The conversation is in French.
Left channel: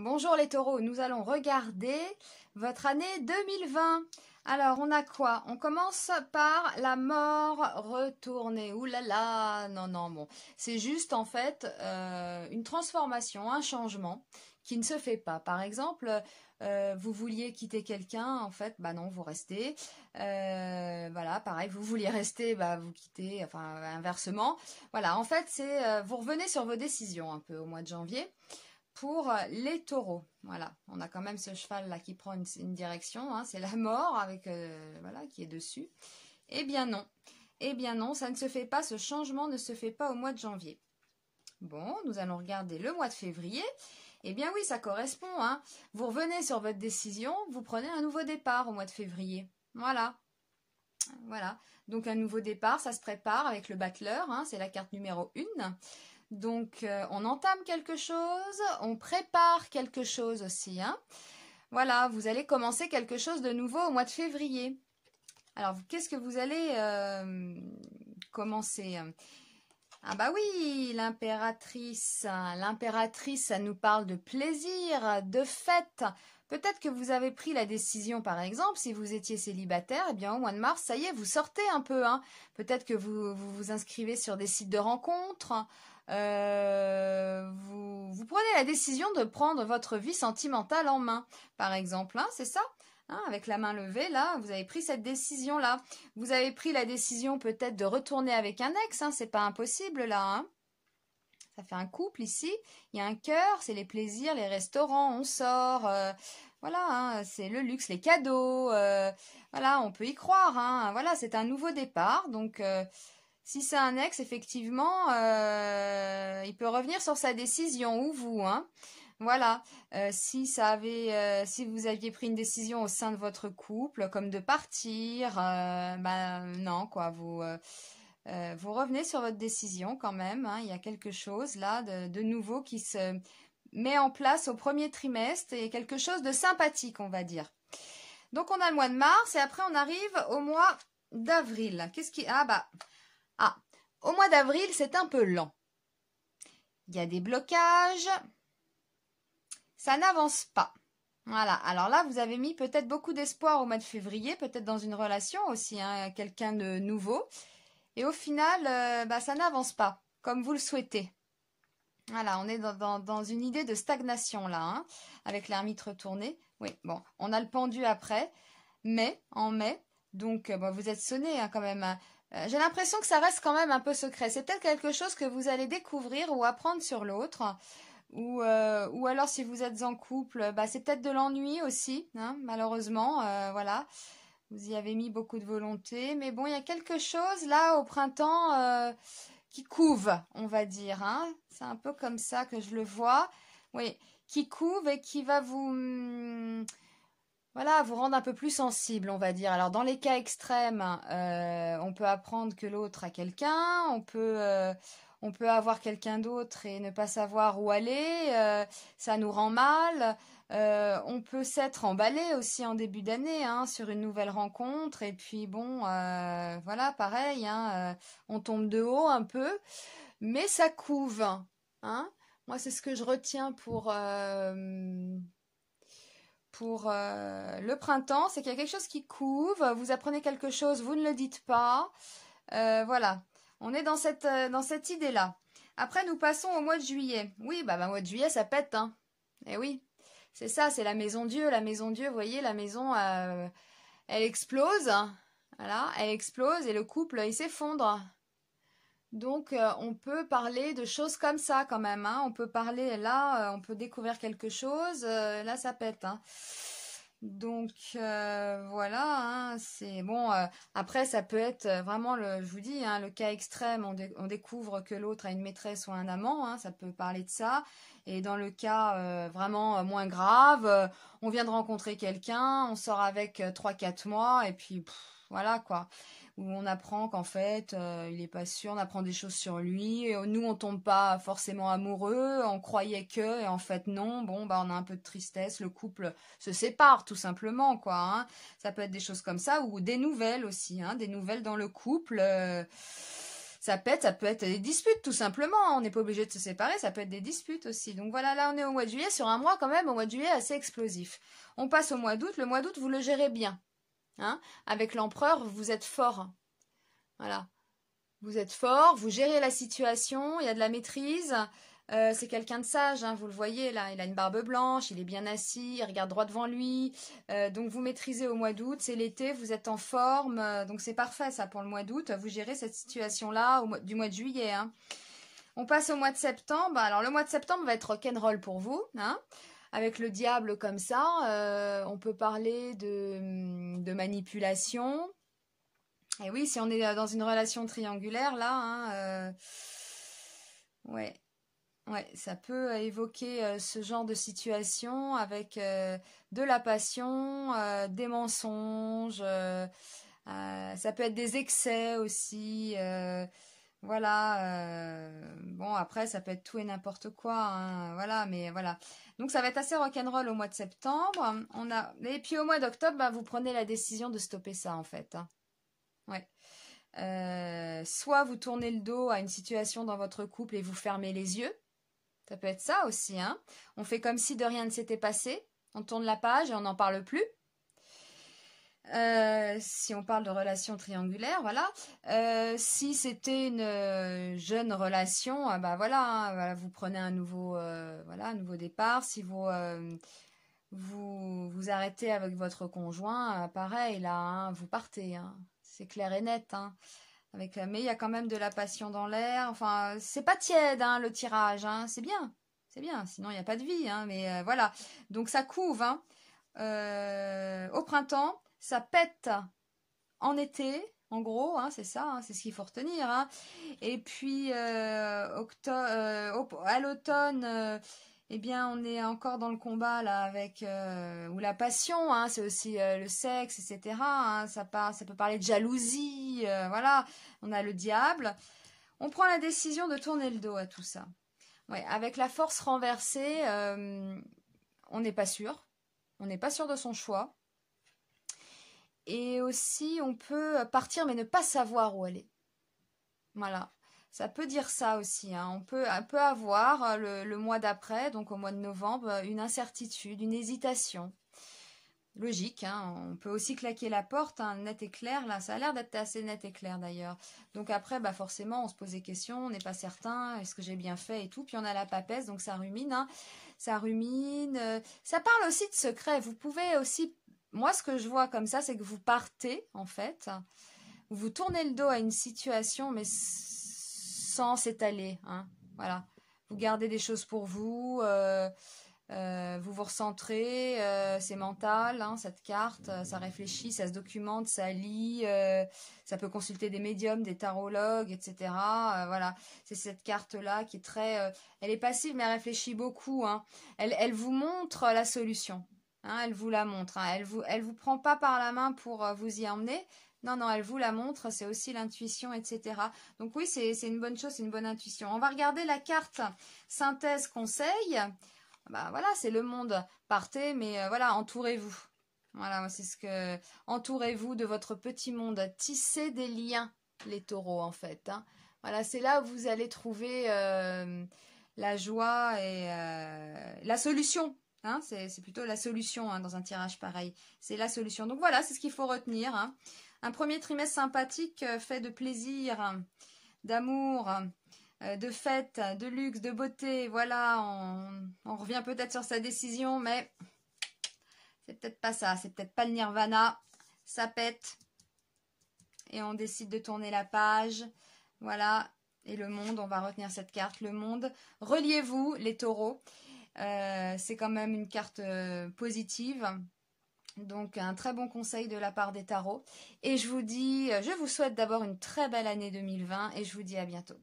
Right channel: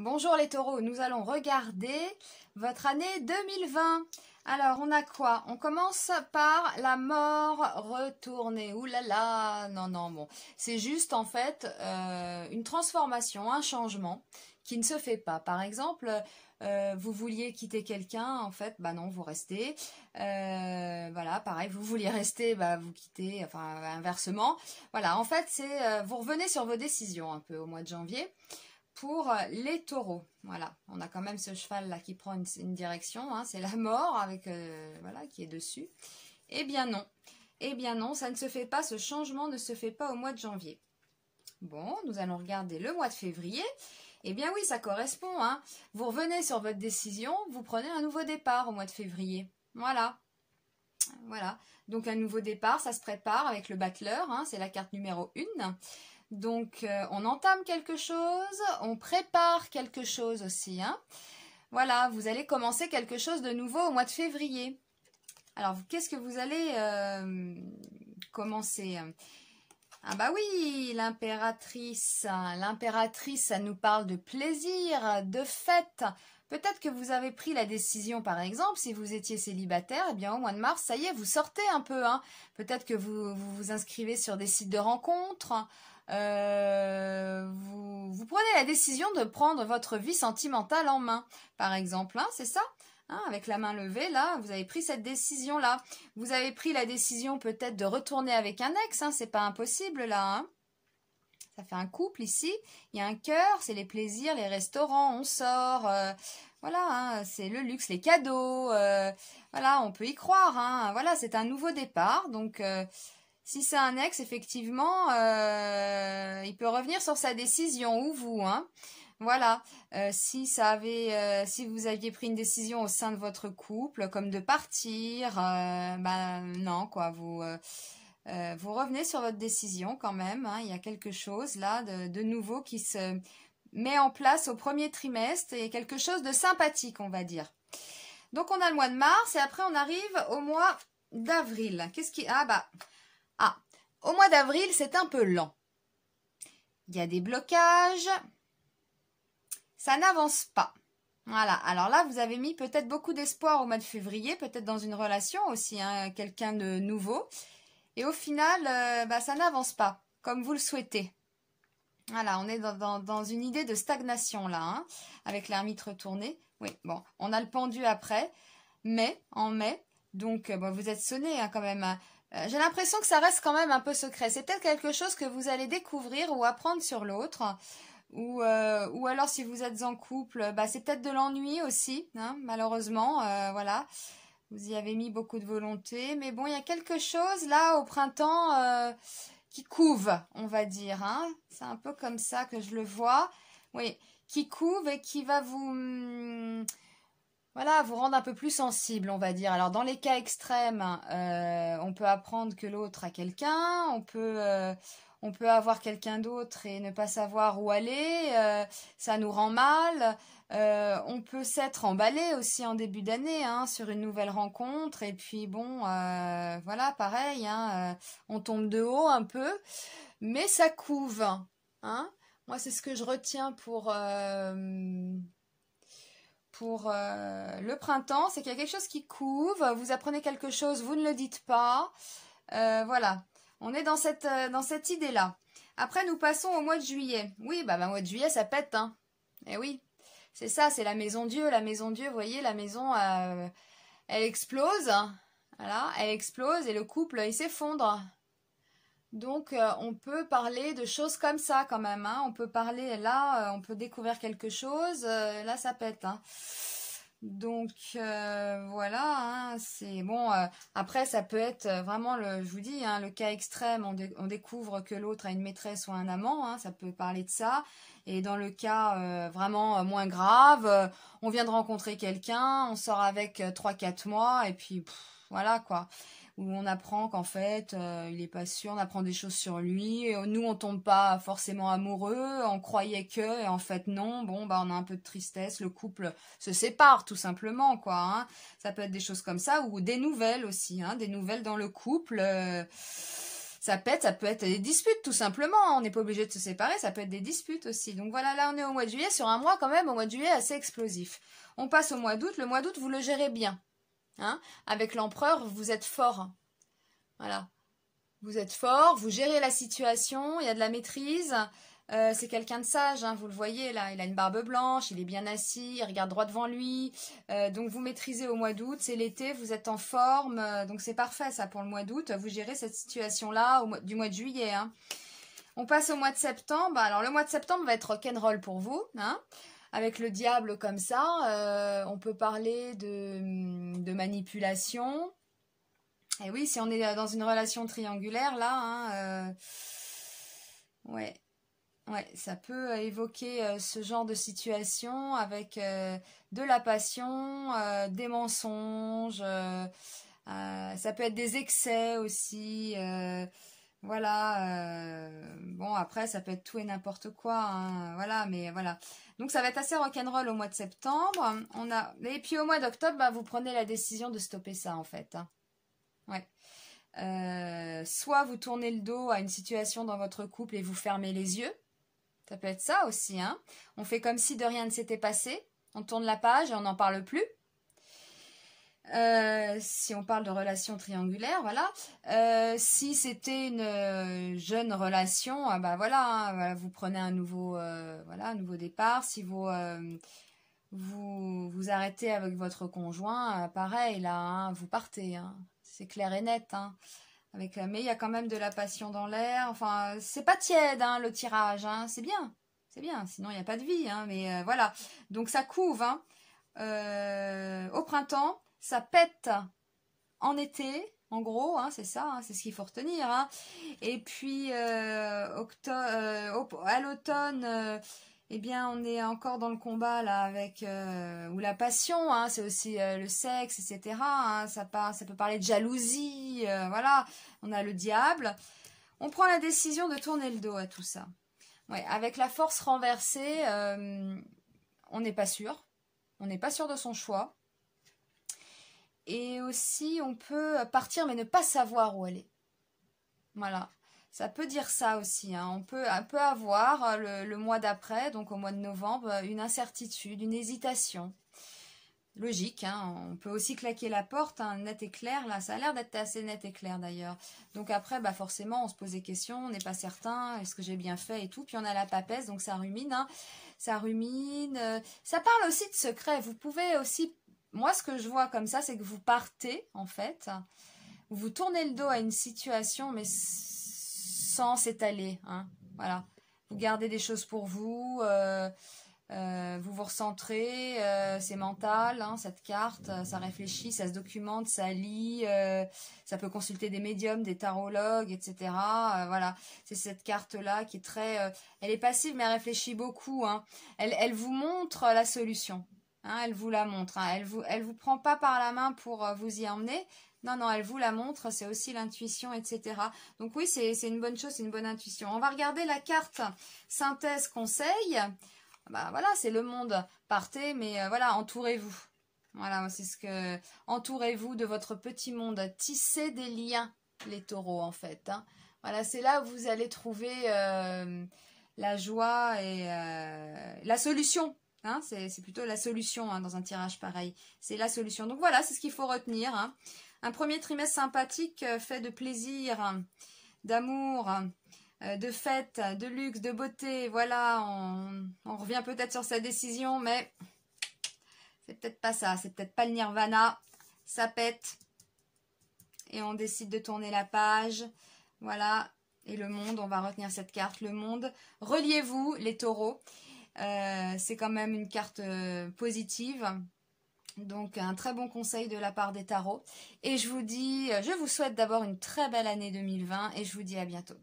Bonjour les taureaux, nous allons regarder votre année 2020. Alors, on a quoi? On commence par la mort retournée. Ouh là là, non, non, bon. C'est juste en fait une transformation, un changement qui ne se fait pas. Par exemple, vous vouliez quitter quelqu'un, en fait, bah non, vous restez. Voilà, pareil, vous vouliez rester, bah vous quittez, enfin inversement. Voilà, en fait, c'est vous revenez sur vos décisions un peu au mois de janvier. Pour les taureaux, voilà, on a quand même ce cheval là qui prend une direction, hein, c'est la mort avec voilà qui est dessus. Eh bien non, ça ne se fait pas, ce changement ne se fait pas au mois de janvier. Bon, nous allons regarder le mois de février. Eh bien oui, ça correspond, hein. Vous revenez sur votre décision, vous prenez un nouveau départ au mois de février. Voilà, voilà. Donc un nouveau départ, ça se prépare avec le battleur, hein, c'est la carte numéro 1. Donc, on entame quelque chose, on prépare quelque chose aussi. Hein. Voilà, vous allez commencer quelque chose de nouveau au mois de février. Alors, qu'est-ce que vous allez commencer? Ah bah oui, l'impératrice. L'impératrice, ça nous parle de plaisir, de fête. Peut-être que vous avez pris la décision, par exemple, si vous étiez célibataire, eh bien au mois de mars, ça y est, vous sortez un peu. Hein. Peut-être que vous inscrivez sur des sites de rencontres. Vous prenez la décision de prendre votre vie sentimentale en main, par exemple, hein, c'est ça, hein, avec la main levée, là, vous avez pris cette décision-là. Vous avez pris la décision peut-être de retourner avec un ex, hein, c'est pas impossible, là, hein. Ça fait un couple ici, il y a un cœur, c'est les plaisirs, les restaurants, on sort, voilà, hein, c'est le luxe, les cadeaux, voilà, on peut y croire, hein, voilà, c'est un nouveau départ, donc... si c'est un ex, effectivement, il peut revenir sur sa décision, ou vous, hein. Voilà. Si vous aviez pris une décision au sein de votre couple, comme de partir, ben non, quoi, vous revenez sur votre décision quand même. Hein. Il y a quelque chose là de nouveau qui se met en place au premier trimestre et quelque chose de sympathique, on va dire. Donc on a le mois de mars et après on arrive au mois d'avril. Qu'est-ce qui... Ah, au mois d'avril, c'est un peu lent. Il y a des blocages. Ça n'avance pas. Voilà. Alors là, vous avez mis peut-être beaucoup d'espoir au mois de février, peut-être dans une relation aussi, hein, quelqu'un de nouveau. Et au final, ça n'avance pas, comme vous le souhaitez. Voilà, on est dans une idée de stagnation là, hein, avec l'ermite retourné. Oui, bon, on a le pendu après, en mai. Donc, vous êtes sonné hein, quand même. J'ai l'impression que ça reste quand même un peu secret. C'est peut-être quelque chose que vous allez découvrir ou apprendre sur l'autre. Ou alors si vous êtes en couple, c'est peut-être de l'ennui aussi, hein, malheureusement. Voilà, vous y avez mis beaucoup de volonté. Mais bon, il y a quelque chose là au printemps qui couve, on va dire. Hein. C'est un peu comme ça que je le vois. Oui, qui couve et qui va voilà, vous rendre un peu plus sensible, on va dire. Alors, dans les cas extrêmes, on peut apprendre que l'autre a quelqu'un, on peut avoir quelqu'un d'autre et ne pas savoir où aller, ça nous rend mal. On peut s'être emballé aussi en début d'année hein, sur une nouvelle rencontre. Et puis, bon, voilà, pareil, hein, on tombe de haut un peu, mais ça couve. Hein. Moi, c'est ce que je retiens pour le printemps, c'est qu'il y a quelque chose qui couve, vous apprenez quelque chose, vous ne le dites pas, voilà, on est dans cette idée-là. Après, nous passons au mois de juillet. Oui, mois de juillet, ça pète, hein. Eh oui, c'est ça, c'est la maison Dieu, vous voyez, la maison, elle explose, voilà, elle explose et le couple, il s'effondre. Donc, on peut parler de choses comme ça quand même. Hein. On peut parler, là, on peut découvrir quelque chose. Là, ça pète. Hein. Donc, voilà. Hein, c'est bon. Après, ça peut être vraiment, je vous dis, hein, le cas extrême. On découvre que l'autre a une maîtresse ou un amant. Hein, ça peut parler de ça. Et dans le cas vraiment moins grave, on vient de rencontrer quelqu'un. On sort avec 3-4 mois. Et puis, voilà quoi. Où on apprend qu'en fait, il est pas sûr, on apprend des choses sur lui. Nous, on tombe pas forcément amoureux, on croyait que, et en fait non. Bon, on a un peu de tristesse, le couple se sépare tout simplement, quoi. Hein. Ça peut être des choses comme ça, ou des nouvelles aussi, hein, des nouvelles dans le couple. ça pète, ça peut être des disputes tout simplement, on n'est pas obligé de se séparer, ça peut être des disputes aussi. Donc voilà, là on est au mois de juillet, sur un mois quand même, au mois de juillet assez explosif. On passe au mois d'août, le mois d'août vous le gérez bien. Hein, avec l'empereur, vous êtes fort. Voilà. Vous êtes fort, vous gérez la situation, il y a de la maîtrise. C'est quelqu'un de sage, hein, vous le voyez là, il a une barbe blanche, il est bien assis, il regarde droit devant lui. Donc vous maîtrisez au mois d'août, c'est l'été, vous êtes en forme, donc c'est parfait ça pour le mois d'août. Vous gérez cette situation-là du mois de juillet. Hein. On passe au mois de septembre. Alors le mois de septembre va être rock'n'roll pour vous. Hein. Avec le diable comme ça, on peut parler de manipulation. Et oui, si on est dans une relation triangulaire, là, hein, ouais, ça peut évoquer ce genre de situation avec de la passion, des mensonges, ça peut être des excès aussi, voilà. Bon, après, ça peut être tout et n'importe quoi, hein, voilà, mais voilà. Donc, ça va être assez rock'n'roll au mois de septembre. Et puis, au mois d'octobre, bah, vous prenez la décision de stopper ça, en fait. Hein. Ouais. Soit vous tournez le dos à une situation dans votre couple et vous fermez les yeux. Ça peut être ça aussi. Hein. On fait comme si de rien ne s'était passé. On tourne la page et on n'en parle plus. Si on parle de relation triangulaire, voilà. Si c'était une jeune relation, bah voilà, hein, voilà, vous prenez un nouveau départ. Si vous arrêtez avec votre conjoint, pareil, là, hein, vous partez. Hein. C'est clair et net. Hein. Mais il y a quand même de la passion dans l'air. Enfin, c'est pas tiède, hein, le tirage. Hein. C'est bien. C'est bien. Sinon, il n'y a pas de vie. Hein. Mais voilà. Donc, ça couve. Hein. Au printemps, ça pète en été. En gros, hein, c'est ça. Hein, c'est ce qu'il faut retenir. Hein. Et puis, à l'automne... eh bien, on est encore dans le combat là avec ou la passion, hein, c'est aussi le sexe, etc. Hein, ça peut parler de jalousie, voilà. On a le diable. On prend la décision de tourner le dos à tout ça. Ouais, avec la force renversée, on n'est pas sûr. On n'est pas sûr de son choix. Et aussi, on peut partir mais ne pas savoir où aller. Voilà. Ça peut dire ça aussi. Hein. On peut avoir le mois d'après, donc au mois de novembre, une incertitude, une hésitation. Logique. Hein. On peut aussi claquer la porte, hein, net et clair. Là, ça a l'air d'être assez net et clair d'ailleurs. Donc après, bah forcément, on se pose des questions. On n'est pas certain. Est-ce que j'ai bien fait et tout. Puis on a la papesse, donc ça rumine. Hein. Ça rumine. Ça parle aussi de secrets. Vous pouvez aussi... Moi, ce que je vois comme ça, c'est que vous partez, en fait. Vous tournez le dos à une situation, mais... sans s'étaler, hein, voilà. Vous gardez des choses pour vous, vous vous recentrez, c'est mental, hein, cette carte, ça réfléchit, ça se documente, ça lit, ça peut consulter des médiums, des tarologues, etc. Voilà, c'est cette carte-là qui est très... elle est passive, mais elle réfléchit beaucoup, hein. Elle vous montre la solution, hein, elle vous la montre, hein. Elle vous prend pas par la main pour vous y emmener. Non, non, elle vous la montre, c'est aussi l'intuition, etc. Donc oui, c'est une bonne chose, c'est une bonne intuition. On va regarder la carte synthèse conseil. Bah voilà, c'est le monde. Partez, mais voilà, entourez-vous. Voilà, c'est ce que... Entourez-vous de votre petit monde. Tissez des liens, les taureaux, en fait. Hein. Voilà, c'est là où vous allez trouver la joie et la solution. Hein, c'est plutôt la solution hein, dans un tirage pareil. C'est la solution. Donc voilà, c'est ce qu'il faut retenir. Hein. Un premier trimestre sympathique fait de plaisir, d'amour, de fête, de luxe, de beauté. Voilà, on revient peut-être sur sa décision, mais c'est peut-être pas ça. C'est peut-être pas le nirvana. Ça pète. Et on décide de tourner la page. Voilà. Et le monde, on va retenir cette carte. Le monde. Reliez-vous, les taureaux. C'est quand même une carte positive. Donc un très bon conseil de la part des tarots. Et je vous souhaite d'avoir une très belle année 2020 et je vous dis à bientôt.